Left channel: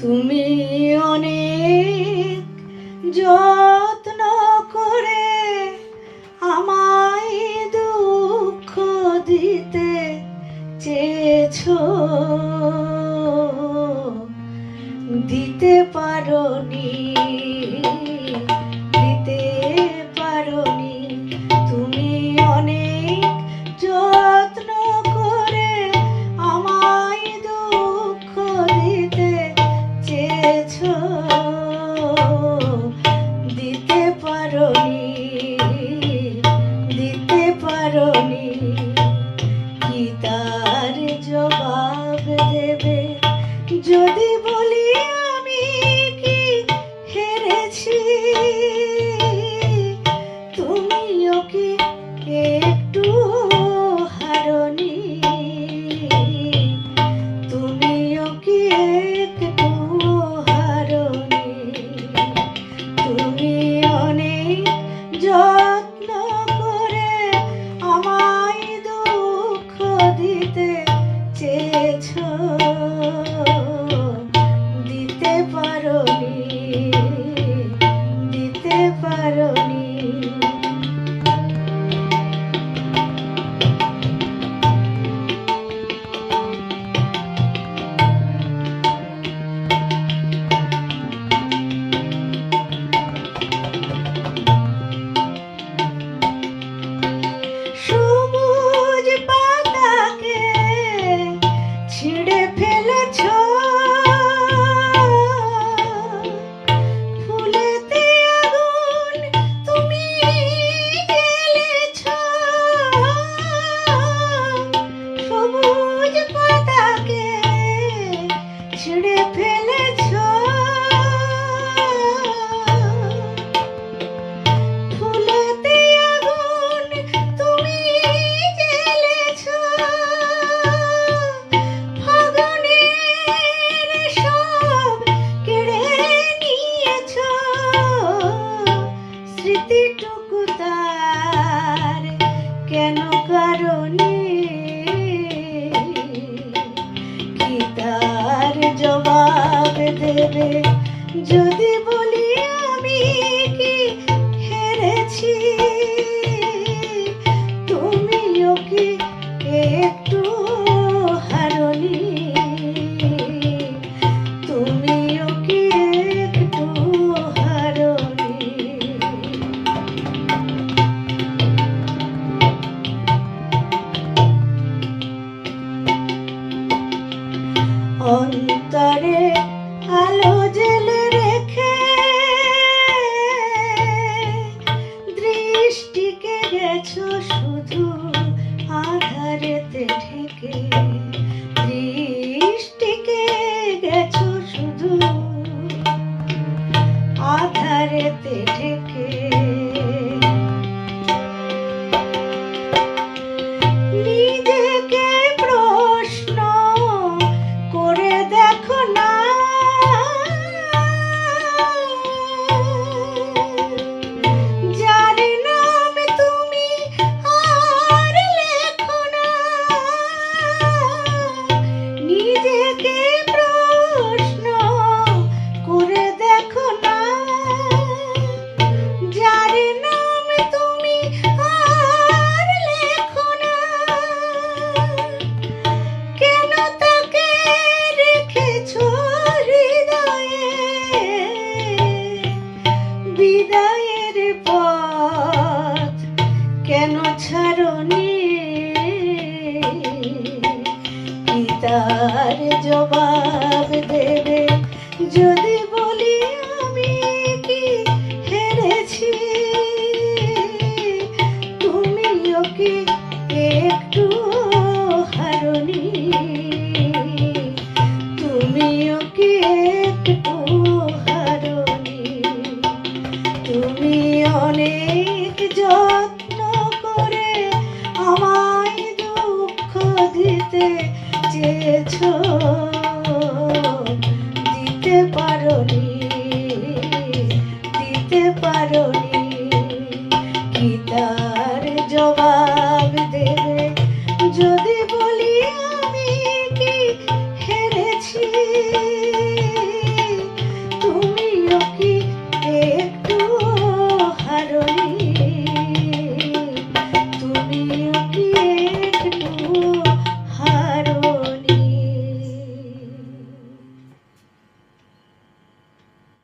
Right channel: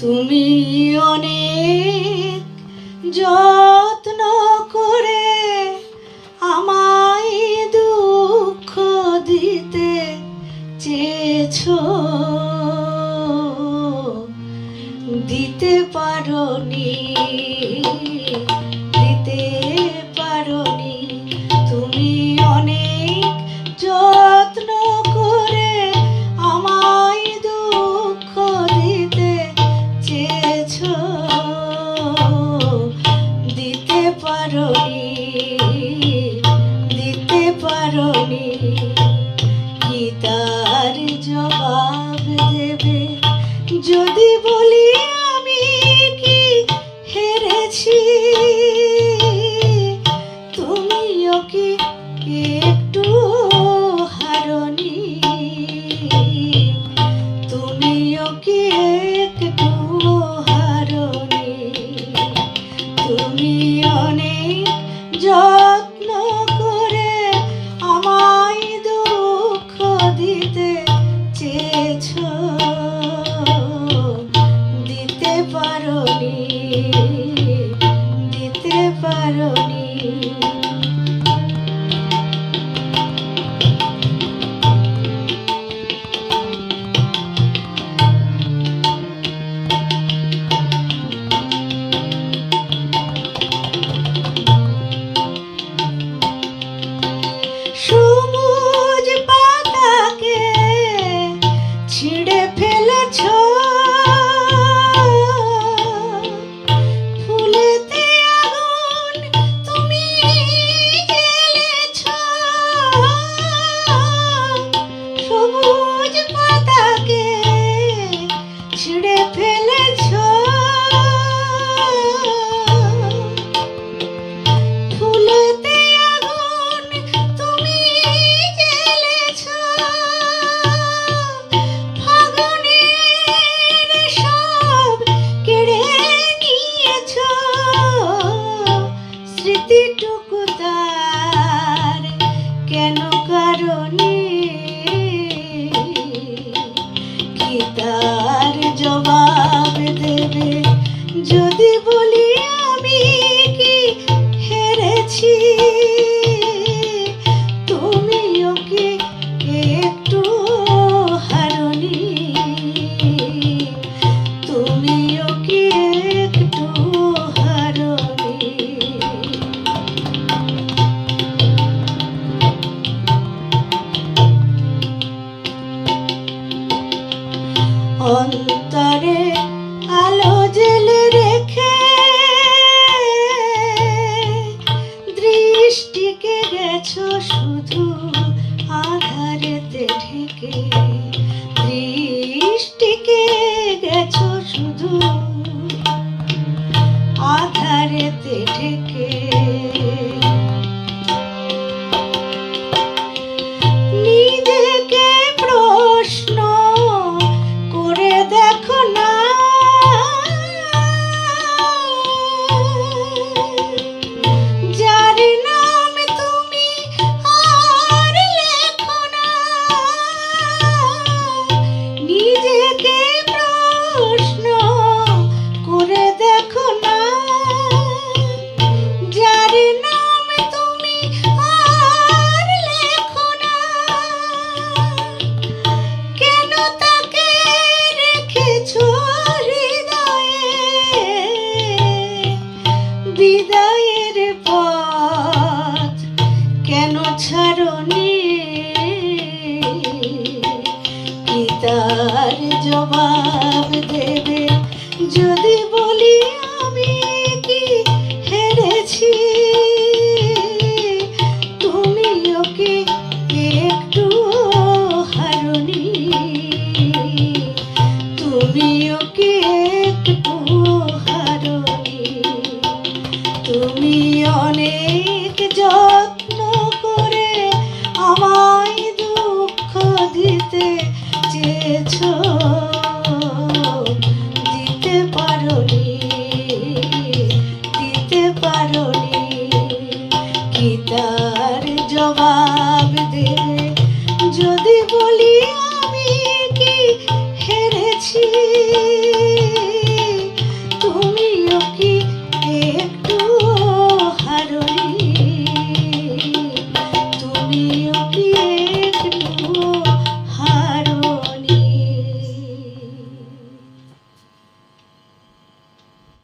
তুমি অনেক জয় কারণে I don't know. কি তার জবাব দেবে। যদি বলি অন্তরে আলো জেলে রেখে দৃষ্টিকে গেছো শুধু আধারেতে ঢেকে। দৃষ্টিকে গেছো শুধু আধারেতে ঢেকে। ছাড়নে? পিতার জবাব দেবে যদি paro